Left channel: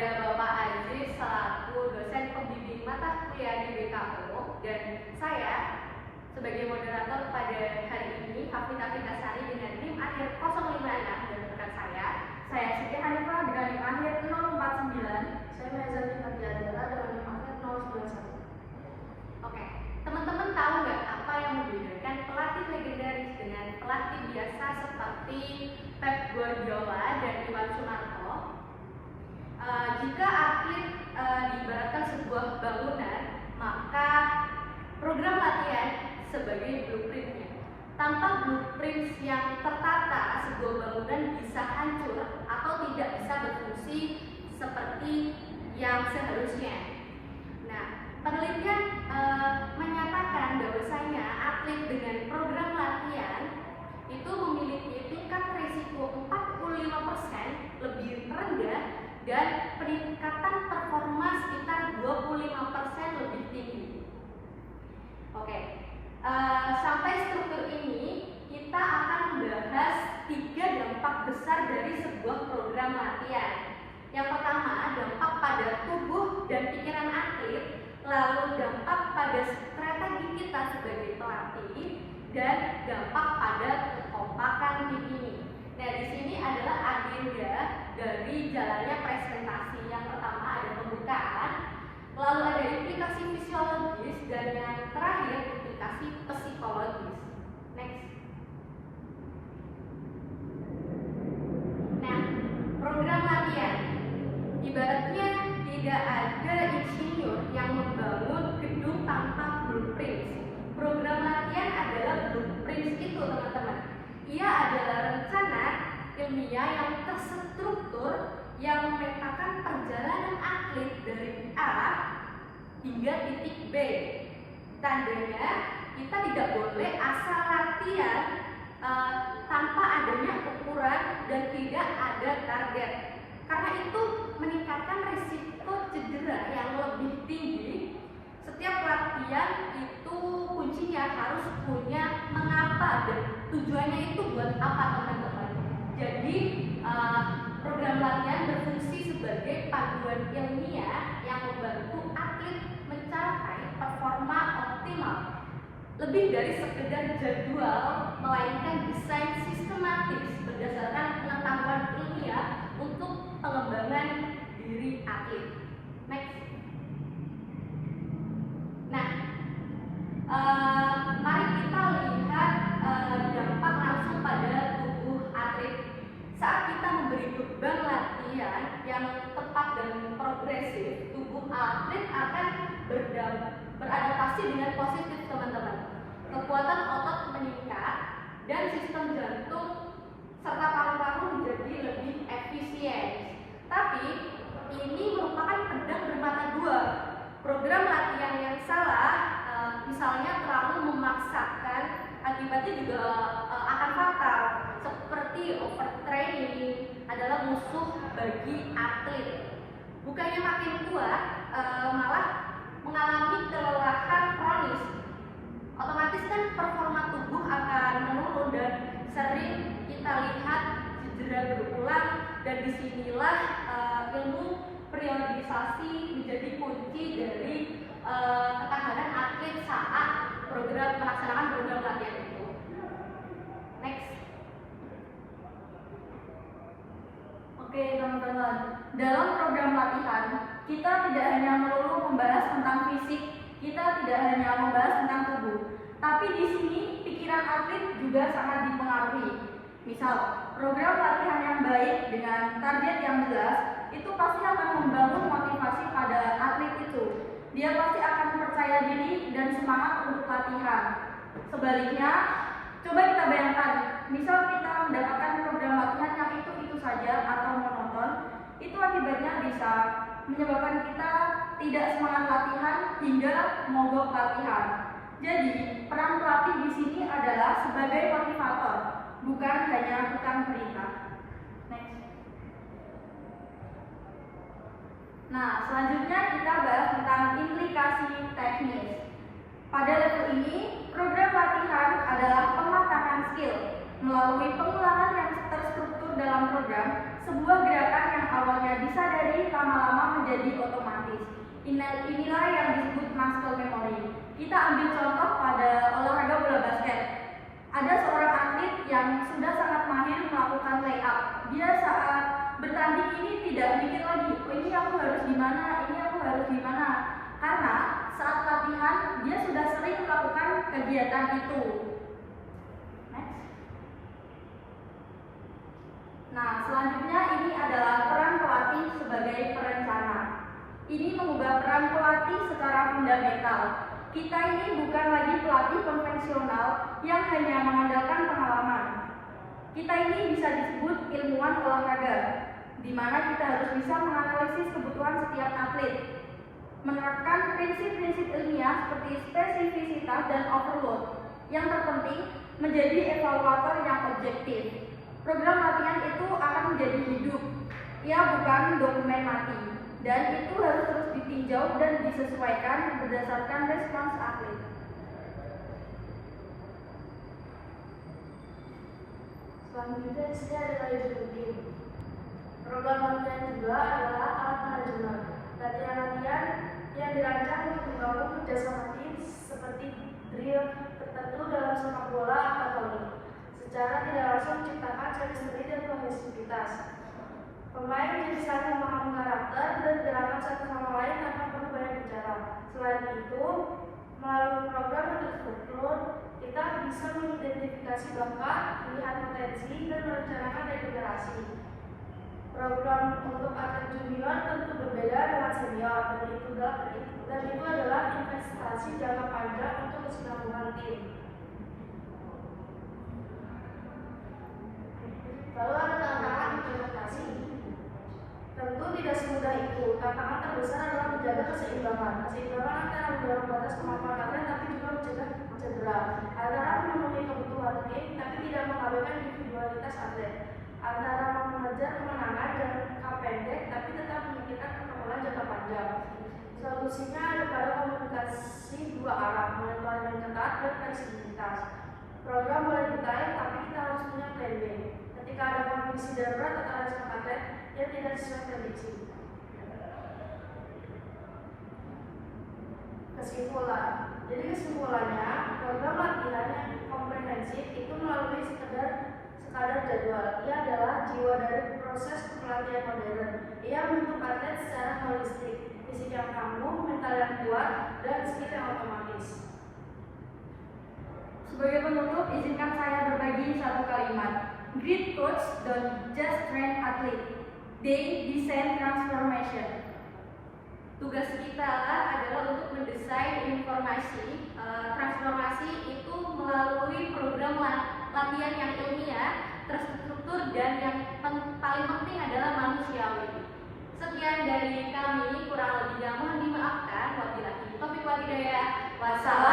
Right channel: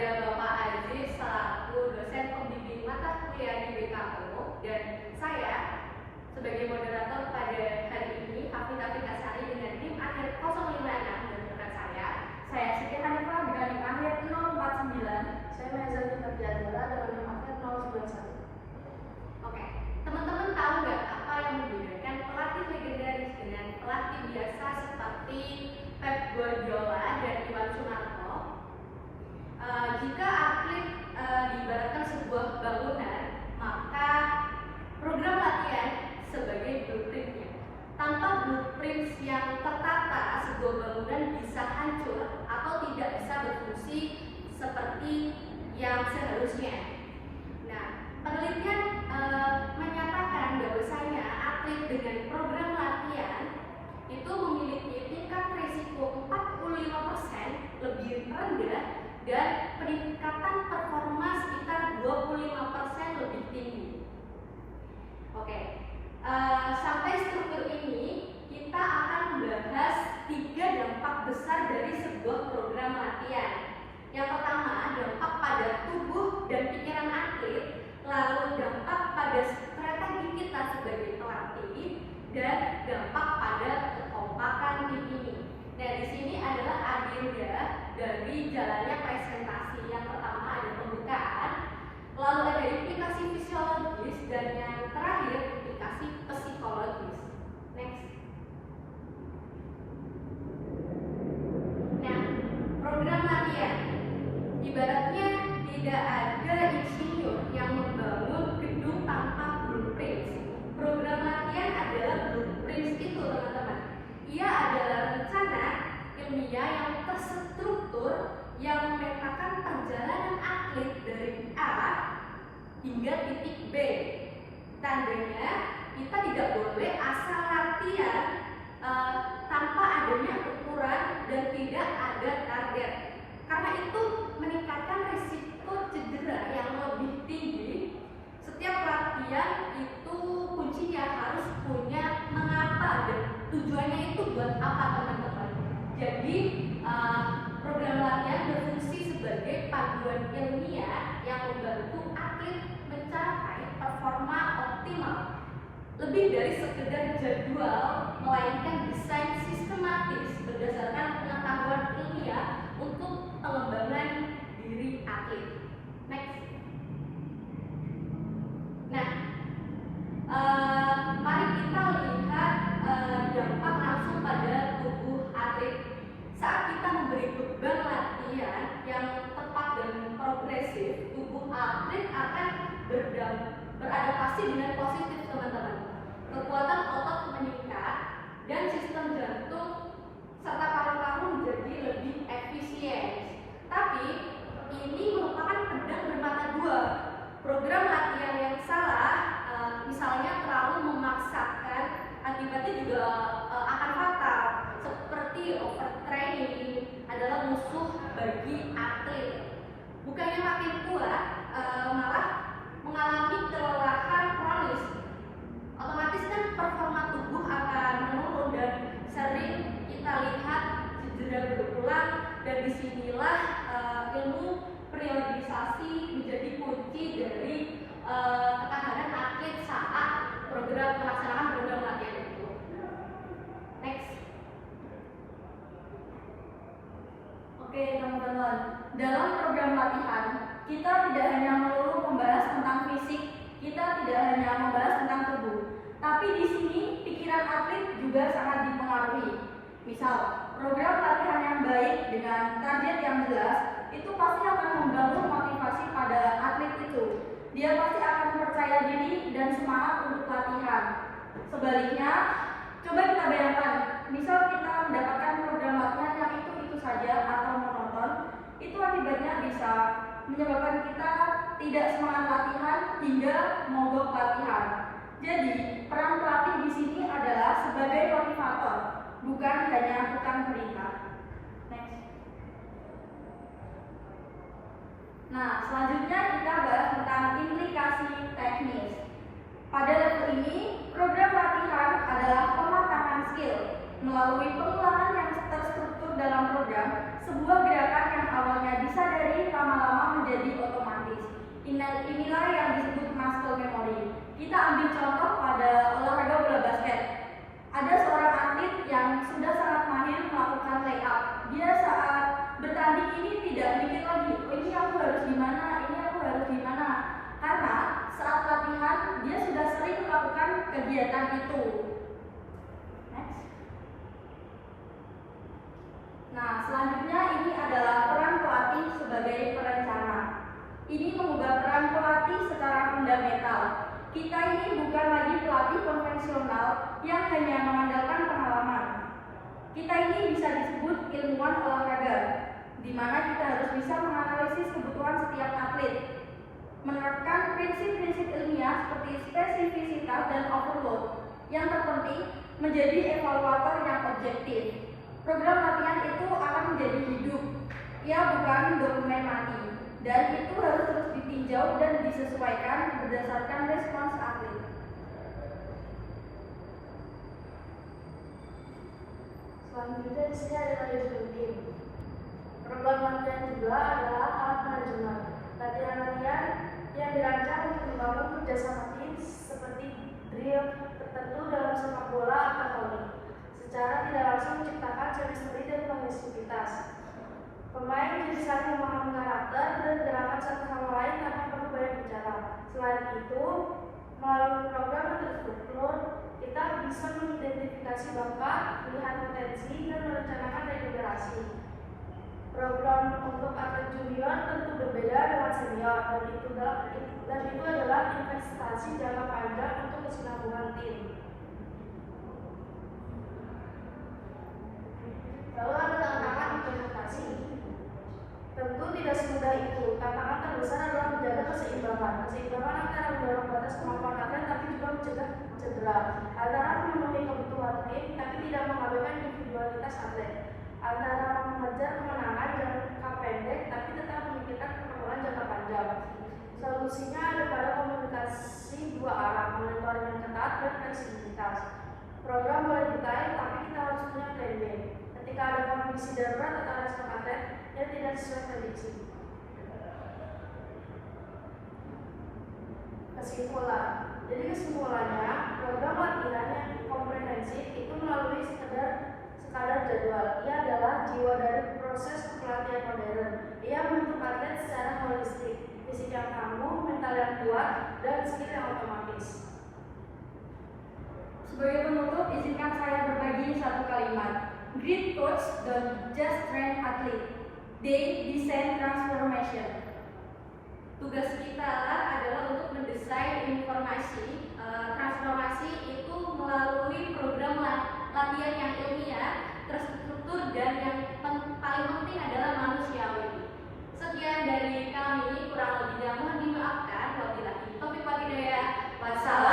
kepada Bapak Aziz selaku dosen pembimbing mata kuliah di BKO, dan saya sebagai moderator pada hari ini, Hafifah Asari dengan NIM akhir 056, dan rekan saya Siti Hanifah dengan NIM akhir 049. Saya Nazari Mardiadara dengan NIM akhir 091. Oke, teman-teman tahu nggak apa yang membedakan pelatih legendaris dengan pelatih biasa seperti Pep Guardiola dan Iwan Sunarto? Jika atlet diibaratkan sebuah bangunan, maka program latihan sebagai blueprintnya. Tanpa blueprint yang tertata, sebuah bangunan bisa hancur atau tidak bisa berfungsi seperti yang seharusnya. Nah, penelitian menyatakan bahwasanya atlet dengan program latihan itu memiliki tingkat risiko 45% lebih rendah dan peningkatan performa sekitar 25% lebih tinggi. Oke, sampai struktur ini kita akan membahas 3 dampak besar dari sebuah program latihan. Yang pertama, dampak pada tubuh dan pikiran atlet, lalu dampak pada strategi kita sebagai pelatih, dan dampak pada kekompakan tim ini. Nah, di sini adalah agenda dari jalannya presentasi. Yang pertama ada pembukaan, lalu ada implikasi fisiologis, dan yang terakhir implikasi psikologis. Next. Nah, program latihan ibaratnya tidak ada insinyur yang membangun gedung tanpa blueprint. Program latihan adalah blueprint itu, teman-teman. Ia adalah rencana ilmiah yang terstruktur yang memetakan perjalanan atlet dari A hingga titik B. Tandanya kita tidak boleh asal latihan tanpa adanya ukuran dan tidak ada target. Karena itu meningkatkan risiko cedera yang lebih tinggi. Setiap latihan itu kuncinya harus punya mengapa dan tujuannya itu buat apa, teman-teman. Jadi program latihan berfungsi sebagai panduan ilmiah yang membantu atlet mencapai performa optimal. Lebih dari sekedar jadwal, melainkan desain sistematis berdasarkan pengetahuan ilmiah untuk pengembangan diri atlet. Next. Nah, mari kita lihat dampak langsung pada tubuh atlet. Saat kita memberi beban latihan yang tepat dan progresif, tubuh atlet akan beradaptasi dengan positif, teman-teman. Kekuatan otot meningkat dan sistem jantung serta paru-paru menjadi lebih efisien. Tapi ini merupakan pedang bermata dua. Program latihan yang salah, misalnya terlalu memaksakan, akibatnya juga akan fatal. Seperti overtraining adalah musuh bagi atlet. Bukannya makin kuat, malah mengalami kelelahan kronis. Otomatis kan performa tubuh akan menurun dan sering kita lihat cedera berulang, dan disinilah ilmu periodisasi menjadi kunci dari ketahanan atlet saat melaksanakan program latihan itu. Next. Oke, teman-teman, dalam program latihan kita tidak hanya melulu membahas tentang fisik, kita tidak hanya membahas tentang tubuh, tapi di sini pikiran atlet juga sangat dipengaruhi. Misal, program latihan yang baik dengan target yang jelas itu pasti akan membangun motivasi pada atlet itu. Dia pasti akan percaya diri dan semangat untuk latihan. Sebaliknya, coba kita bayangkan, misal kita mendapatkan program latihan yang itu saja atau monoton, itu akibatnya bisa menyebabkan kita tidak semangat latihan hingga mogok latihan. Jadi, peran pelatih di sini adalah sebagai motivator, bukan hanya tukang perintah. Next. Nah, selanjutnya kita bahas tentang implikasi teknis. Pada level ini, program latihan adalah pematangan skill. Melalui pengulangan yang terstruktur dalam program, sebuah gerakan yang awalnya disadari lama-lama menjadi otomatis. Inilah yang disebut muscle memory. Kita ambil contoh pada olahraga bola basket. Ada seorang atlet yang sudah sangat mahir melakukan layup. Dia saat bertanding ini tidak mikir lagi, oh ini aku harus gimana, ini aku harus gimana. Karena saat latihan dia sudah sering melakukan kegiatan itu. Next. Nah, selanjutnya ini adalah peran pelatih sebagai perencana. Ini mengubah peran pelatih secara fundamental. Kita ini bukan lagi pelatih konvensional yang hanya mengandalkan pengalaman. Kita ini bisa disebut ilmuwan olahraga, di mana kita harus bisa menganalisis kebutuhan setiap atlet, menerapkan prinsip-prinsip ilmiah seperti spesifisitas dan overload. Yang terpenting, menjadi evaluator yang objektif. Program latihan itu akan menjadi hidup, ia bukan dokumen mati, dan itu harus terus ditinjau dan disesuaikan berdasarkan respons atlet. Selanjutnya di sini ada manajemen tim. Program latihan kedua adalah alat manajemen. Latihan-latihan yang dirancang untuk membangun kerjasama tim seperti drill tertentu dalam sepak bola atau volley. Secara tidak langsung menciptakan chemistry dan kohesivitas. Pemain jadi saling memahami karakter dan gerakan satu sama lain tanpa perlu banyak bicara. Selain itu, melalui program yang terstruktur, kita bisa mengidentifikasi bakat, melihat potensi, dan merencanakan regenerasi. Program untuk atlet junior tentu berbeda dengan senior, dan itu adalah investasi jangka panjang untuk kesinambungan tim. Lalu ada tantangan implementasi. Tentu tidak semudah itu. Tantangan terbesar adalah menjaga keseimbangan antara mendorong batas kemampuan atlet tapi juga mencegah cedera, antara memenuhi kebutuhan tim tapi tidak mengabaikan individualitas atlet, antara mengejar kemenangan jangka pendek tapi tetap memikirkan perkembangan jangka panjang. Solusinya ada pada komunikasi dua arah, monitoring yang ketat dan fleksibilitas. Program boleh ditarik tapi kita harus punya plan B. Ketika ada kondisi darurat atau respon atlet yang tidak sesuai prediksi. Kesimpulan. Jadi kesimpulannya, program latihan yang komprehensif itu melalui sekadar jadwal. Ia adalah jiwa dari proses pelatihan modern. Ia membentuk atlet secara holistik, fisik yang tangguh, mental yang kuat, dan skill yang otomatis. Sebagai penutup, izinkan saya berbagi satu kalimat. Great coach don't just train athlete, they design transformation. Tugas kita adalah untuk mendesain transformasi itu melalui program latihan yang ilmiah, terstruktur, dan yang paling penting adalah manusiawi. Sekian dari kami, kurang lebihnya mohon dimaafkan. Wabillahi taufiq wal hidayah. Wassalam.